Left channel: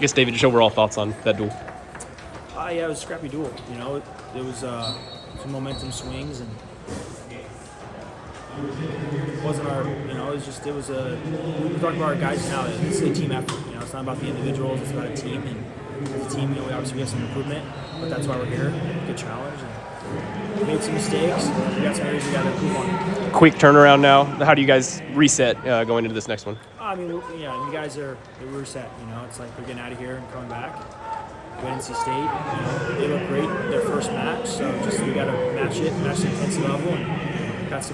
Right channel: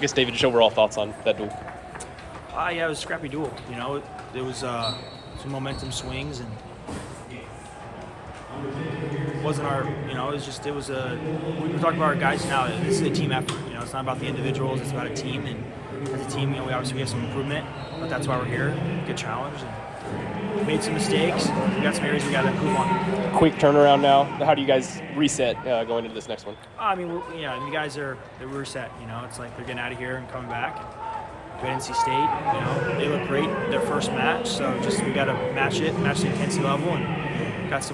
I guess, David, just overall thoughts on that duel. Yeah, it was a scrappy duel. You know, it was some momentum swings, and it wasn't our. You know, it was a. We were talking about our guys now. This is a team effort. You know, it's not about the individuals. It's about a team, and as a team, you know, we obviously have some improvement, but that's why we're here. Good challenge, and we made some mistakes. We got some areas we got to improve on. Quick turnaround now. How do you guys reset going into this next one? I mean, the guys they're reset. You know, it's like they're getting out of here and coming back. We had NC State, you know, they look great their first match, so we got to match the intensity level, and just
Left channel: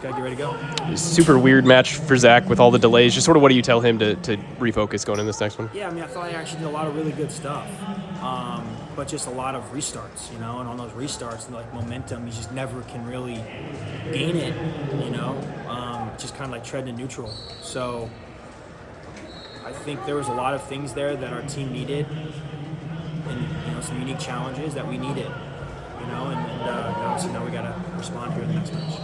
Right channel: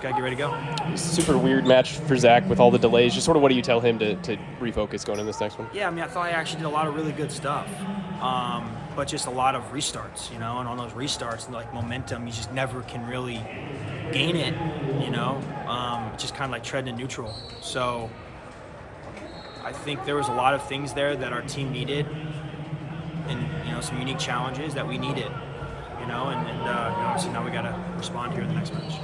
got to get ready to go. Super weird match for Zach with all the delays. Just sort of what do you tell him to refocus going in this next one? Yeah, I mean, I thought I actually did a lot of really good stuff, but just a lot of restarts, you know, and on those restarts, like momentum, you just never can really gain it, you know, just kind of like treading in neutral. So I think there was a lot of things there that our team needed, and you know, some unique challenges that we needed, you know, and you know, obviously now we got to respond here in the next match.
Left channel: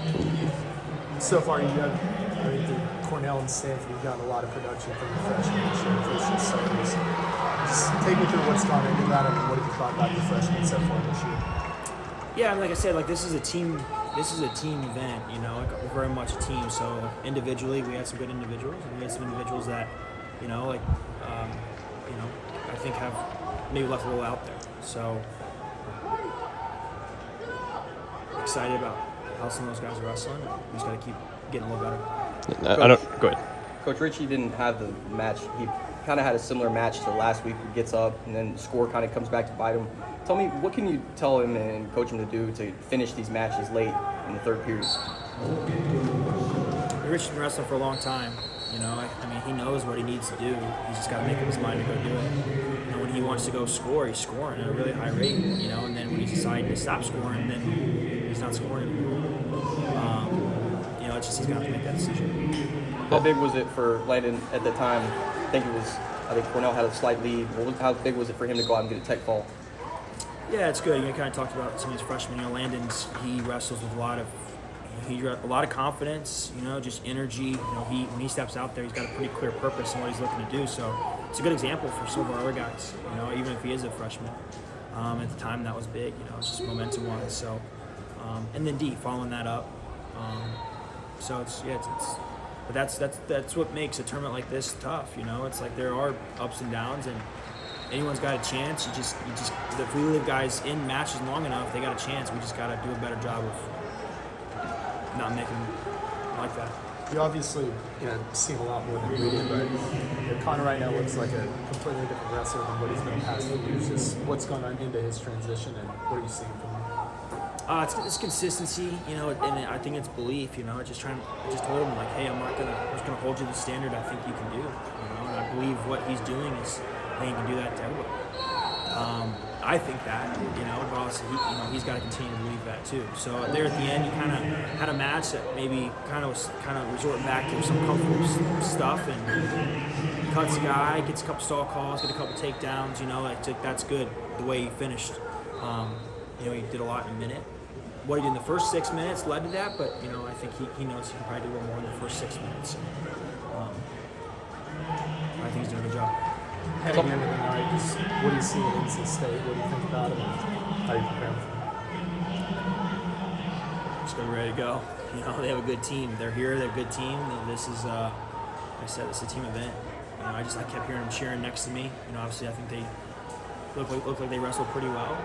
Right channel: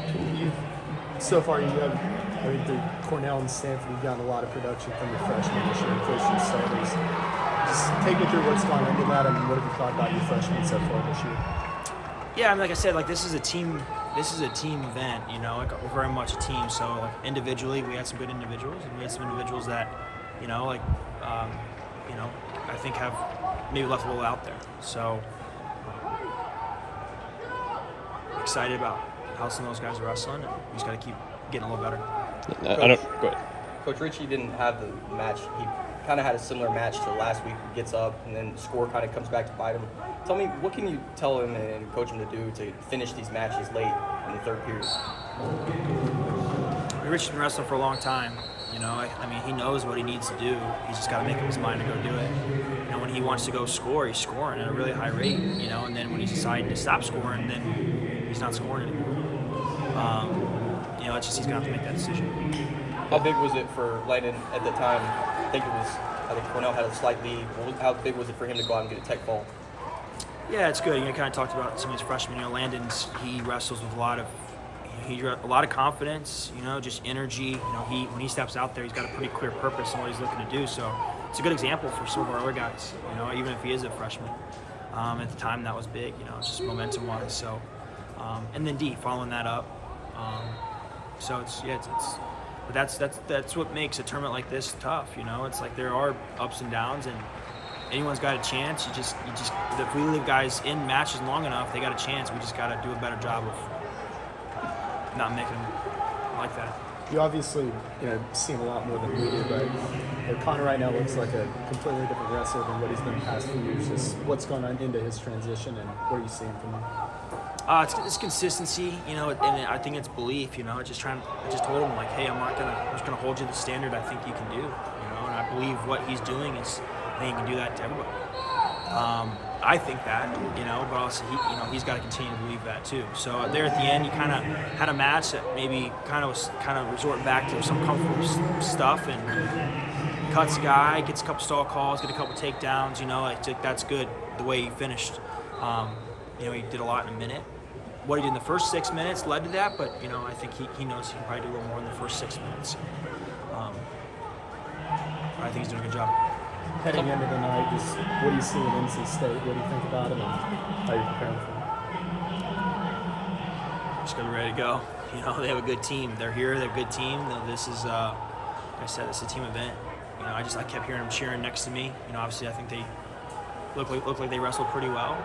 So far, you have, I mean, through Cornell and Stanford, you've gotten a lot of production from the freshmen this year, first starters. Just take me through what's gone into that, and what have you thought about the freshmen so far this year? Yeah, I mean, like I said, like this is a team event, you know, like we're very much a team. So like individually, we had some good individuals, and we had some individuals that, you know, like, you know, I think have maybe left a little out there. So excited about how some of those guys are wrestling, and we just got to keep getting a little better. Go ahead. Coach Ritchie didn't have the match. He kind of had a similar match to last week. He gets up, and then the score kind of comes back to bite him. Tell me, what can you tell him and coach him to do to finish these matches late in the third period? Rich's been wrestling for a long time. You know, I mean, he knows what he needs to do. He's just got to make up his mind to go do it. You know, when he wants to go score, he's scoring at a really high rate. You know, and then when he's deciding to stop scoring, then he's not scoring anymore. You know, it's just he's gonna have to make that decision. How big was it for Landon at the time? I think Cornell had a slight lead. How big was it for him to go out and get a tech fall? Yeah, it's good. You know, kind of talked about some of these freshmen. You know, he wrestles with a lot of confidence. You know, just energy. You know, when he steps out there, he's got a pretty clear purpose in what he's looking to do. So it's a good example for some of our other guys. You know, even if he is a freshman. At the time, that was big. You know, it's just momentum-wise. So, and then D following that up. So but that's what makes a tournament like this tough. You know, it's like there are ups and downs, and anyone's got a chance. You just if we leave guys in matches long enough, they got a chance. We just got to do a better job of not making them like that. You obviously, you know, seen a lot more than we did, but Connor right now looks like a completely different wrestler than what he's been the past few years. Just what's going on into his transition, and what are you seeing from him? It's consistency, you know, and I think it's belief, you know. I just told him, like, hey, I'm just gonna hold you to the standard I think you can do, you know. And I believe what he's doing is, I think he can do that to everybody. I think that, you know, but also he's got to continue to believe that too. So there at the end, you kind of had a match that maybe kind of resorting back to some comfortable stuff, and cuts a guy, gets a couple stall calls, get a couple takedowns, you know, like that's good the way he finished. You know, he did a lot in a minute. What he did in the first 6 minutes led to that, but you know, I think he knows he can probably do a little more in the first 6 minutes. I think he's doing a good job. Heading into the night, what do you see at NC State? What do you think about it? And how are you preparing for it? Just gonna be ready to go. You know, they have a good team. They're here. They're a good team. This is, like I said, this is a team event. You know, I kept hearing them cheering next to me. You know, obviously, I think they look like they wrestled pretty well.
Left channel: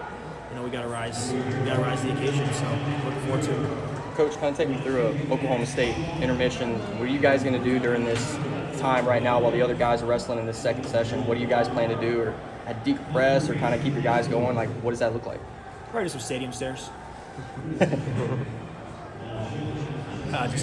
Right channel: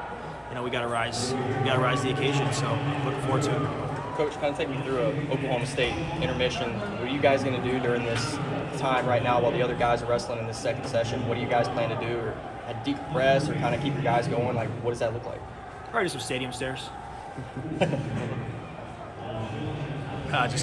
You know, we gotta rise the occasion. So looking forward to it. Coach, kind of take me through a Oklahoma State intermission. What are you guys going to do during this time right now while the other guys are wrestling in the second session? What do you guys plan to do? Or a deep press, or kind of keep your guys going? Like, what does that look like? Probably do some stadium stairs. Just